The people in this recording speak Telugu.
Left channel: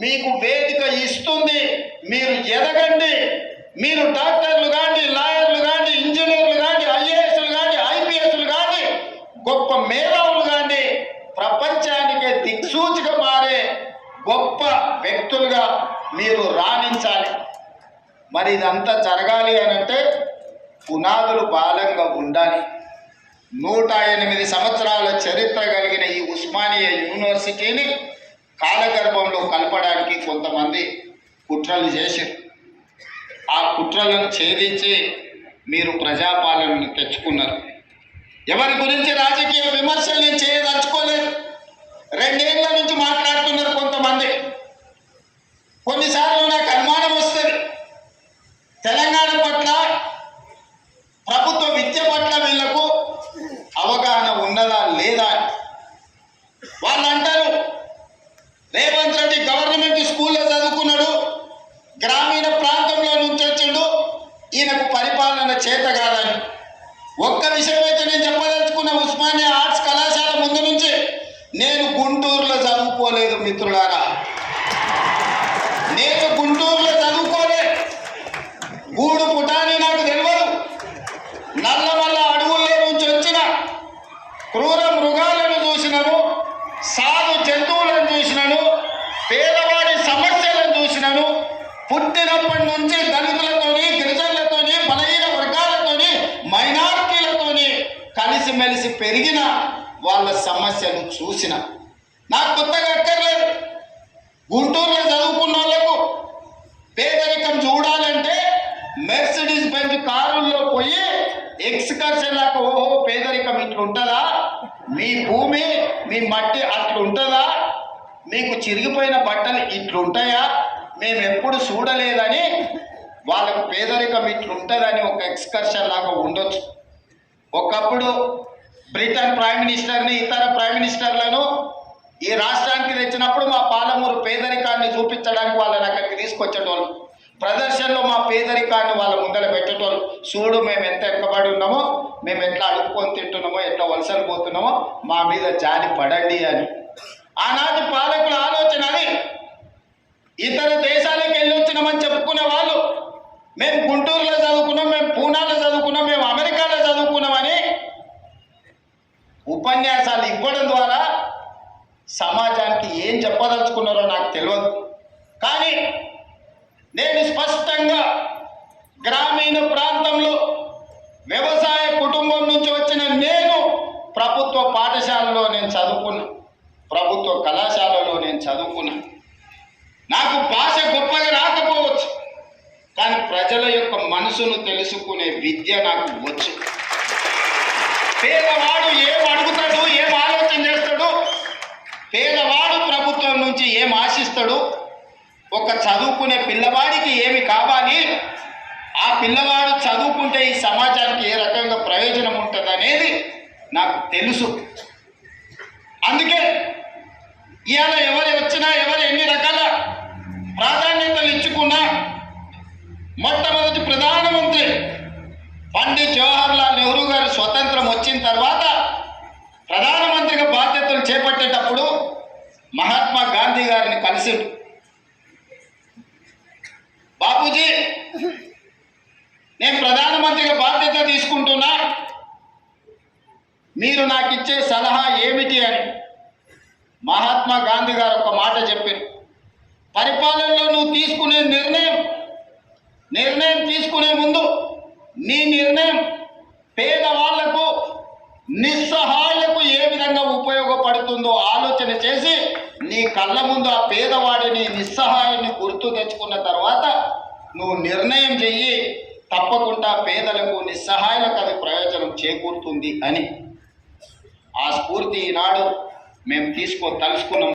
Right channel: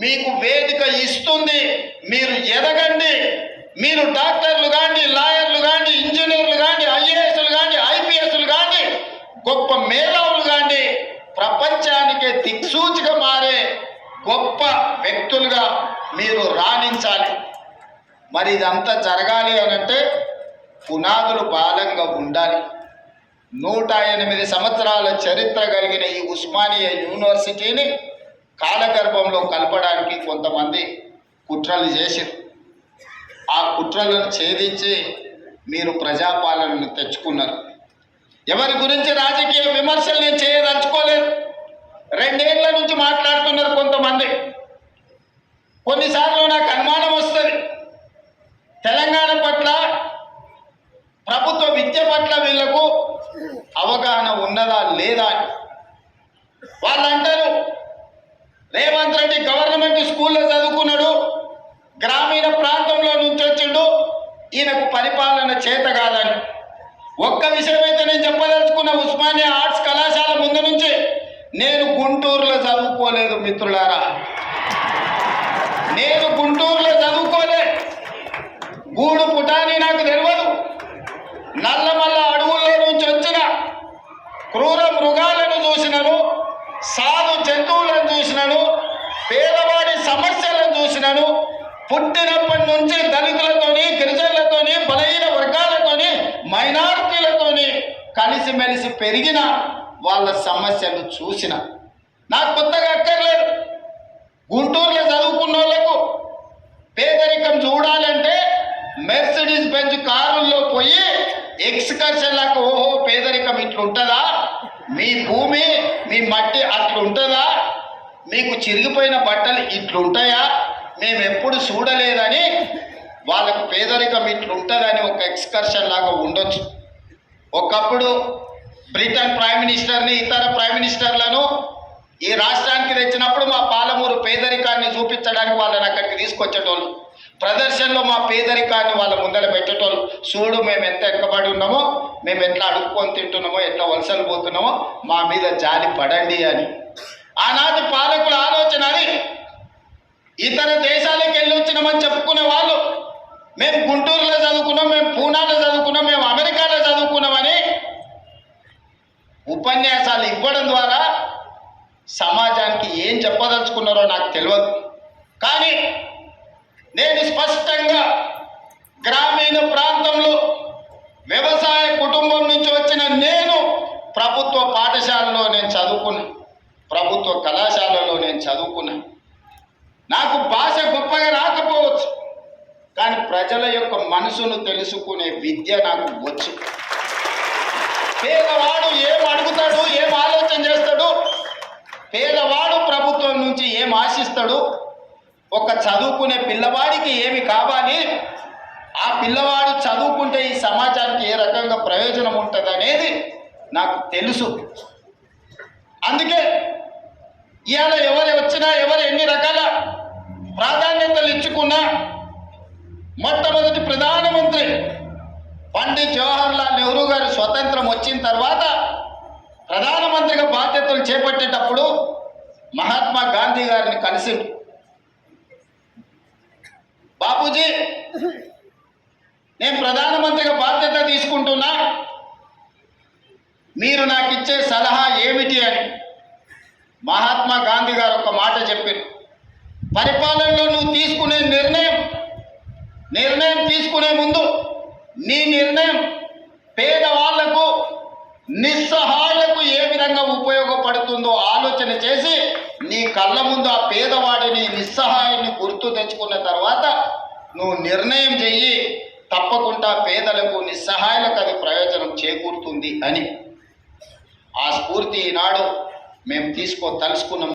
మీకు వేదిక ఇస్తుంది. మీరు ఎదగండి. మీరు డాక్టర్లు కానీ లాయర్లు కానీ ఇంజనీర్లు కానీ ఐఏఎస్లు కానీ ఐపీఎస్లు కానీ గొప్ప మేధావులు కానీ ప్రపంచానికే దిక్సూచిగా మారే గొప్ప వ్యక్తులుగా మీరు రాణించాలి. మరి ఇదంతా జరగాలి అనంటే పునాదులు బాలంగా ఉండాలి. నూట ఎనిమిది సంవత్సరాల చరిత్ర కలిగిన ఈ ఉస్మానియా యూనివర్సిటీని కాలగర్భంలో కలపడానికి కొంతమంది కుట్రలు చేసి ఆ కుట్రలను ఛేదించి మీరు ప్రజాపాలనను తెచ్చుకున్నారు. ఎవరి గురించి రాజకీయ విమర్శలు నేను చేయదలుచుకోలేదు. రెండేళ్ళ నుంచి మాట్లాడుతున్నారు కొంతమంది. కొన్నిసార్లు నాకు అనుమానం వస్తుంది. తెలంగాణ పట్ల ప్రభుత్వ విద్య పట్ల వీళ్ళకు అవగాహన ఉన్నదా లేదా అని వాళ్ళు అంటారు రేవంత్ రెడ్డి గవర్నమెంట్ స్కూల్లో చదువుకున్నాడు గ్రామీణ ప్రాంతంలో నుంచి వచ్చిండు. ఈయనకు పరిపాలన చేత కాదని. ఒక్క విషయం అయితే నేను చెప్పదలుచుకున్న ఉస్మానియా ఆర్ట్స్ కళాశాల ముందు నుంచి నేను గుంటూరులో చదువుకోలేదు మిత్రులారా. నేను గుంటూరులో చదువుకోలే. గూడు పుటాని నాకు తెలియదు నల్లమల్ల అడవుల్లో నుంచి వచ్చిన క్రూర పుట్టినప్పటి నుంచి దళితులతోని గిరిజనులతోని బలహీన వర్గాలతోని మైనారిటీలతోని కలిసిమెలిసి పెరిగిన వాళ్ళ సమస్యలు చూసిన. నాకు కొత్తగా అక్కర్లేదు. గుంటూరులో చదువుకున్న వాళ్ళకు పేదరికం చూడాలంటే మెర్సిడీస్ బెంజ్ కారుల్లో పోయి ఎక్స్కర్షన్ ఓహో పేదరికం ఇట్లుంటుందా? మీ భూమి మీ మట్టి అట్లుంటుందా? మీకు చిరిగిపోయిన బట్టలు ఇట్లుంటాయా? మేము ఎప్పుడు చూడలేదని వాళ్ళకు పేదరికం ఇట్లుంటుందని ఒక ఎక్స్కర్షన్ లాగా ఉండొచ్చు. ఒకప్పుడు బ్రిటన్ ప్రైమ్ మినిస్టర్ని ఇతర ప్రైమ్ మినిస్టర్లను ఈ రాష్ట్రానికి తెచ్చినప్పుడు మా పాలమూరు పేదరికాన్ని చూపించడానికి వాళ్ళని అక్కడికి తీసుకొచ్చేటోళ్ళు. ప్రదర్శనలో మా పేదరికాన్ని వాళ్ళ ముందర పెట్టేటోళ్ళు. చూడు మేము ఎంత ఎక్కబడి ఉన్నామో మేము ఎట్లా అడుక్కొని తింటున్నామో ఎట్లా వలసలు పోతున్నామో మా మీద జాలి పడండి అని. ఆనాటి పాలకుల ఆలోచన అది. ఇతర దేశాలకు వెళ్ళి వచ్చినామని చెప్పుకునే వాళ్ళు మేము గుంటూరులో చదువుకున్నాం మేము పూనాలో చదువుకున్నాం మేము అమెరికాలో చదువుకున్నామని ఉపన్యాసాలు ఇవ్వడం ద్వారా సమాజానికి ఏం చెప్పదలుచుకున్నారో నాకు తెలియదు. కానీ నేను స్పష్టంగా గ్రామీణ ప్రాంతంలో వ్యవసాయ కుటుంబం నుంచి వచ్చిన నేను ప్రభుత్వ పాఠశాలలో నేను చదువుకున్నా ప్రభుత్వ కళాశాలలో నేను చదువుకున్నా. నాకు భాష గొప్పగా రాకపోవచ్చు. కానీ ప్రజల యొక్క మనసును తెలుసుకునే విద్య నాకు వచ్చు. పేదవాడు ఏం అడుగుతాడు ఏం ఆలోచన చేస్తాడు పేదవాడు ప్రభుత్వం నుంచి ఏం ఆశిస్తాడు ఒక చదువుకునే పిల్లవాడికి ఏమి కావాలి ఆ పిల్లవాడు చదువుకుంటే ఈ సమాజానికి ఏ రకంగా ప్రయోజనం ఉంటుంది అనేది నాకు తెలుసు. అందుకే ఇవాళ ఎవరు వచ్చినా ఎవరు ఎన్ని మొట్టమొదటి ప్రధానమంత్రి పండిత్ జవహర్లాల్ నెహ్రూ గారు స్వతంత్రం వచ్చిన తర్వాత ప్రధానమంత్రిగా బాధ్యతలు చేపట్టేటప్పుడు మహాత్మా గాంధీ గారిని కలిసి బాపూజీ నేను ప్రధానమంత్రిగా బాధ్యత తీసుకుంటున్నా. మీరు నాకు ఇచ్చే సలహా ఏమిటి అని మహాత్మా గాంధీ గారు ఒక మాట చెప్పారు. పరిపాలనలో నువ్వు తీసుకునే నిర్ణయం నిర్ణయం తీసుకునే ముందు నీ నిర్ణయం పేదవాళ్ళకు నిస్సహాయులకు ఏ విధంగా ఉపయోగపడుతుందో ఆలోచన చేసి నీ కళ్ళ ముందు ఆ పేదవాడిని నిస్సహాయాన్ని గుర్తు తెచ్చుకున్న తర్వాత నువ్వు నిర్ణయం చెయ్యి. తప్పకుండా పేదలకు నిస్సహాయులకు అది ప్రయోజనం చేకూరుతుంది అని. ఆ స్ఫూర్తి ఈనాడు మేము తీసుకో తలుసుకున్నాం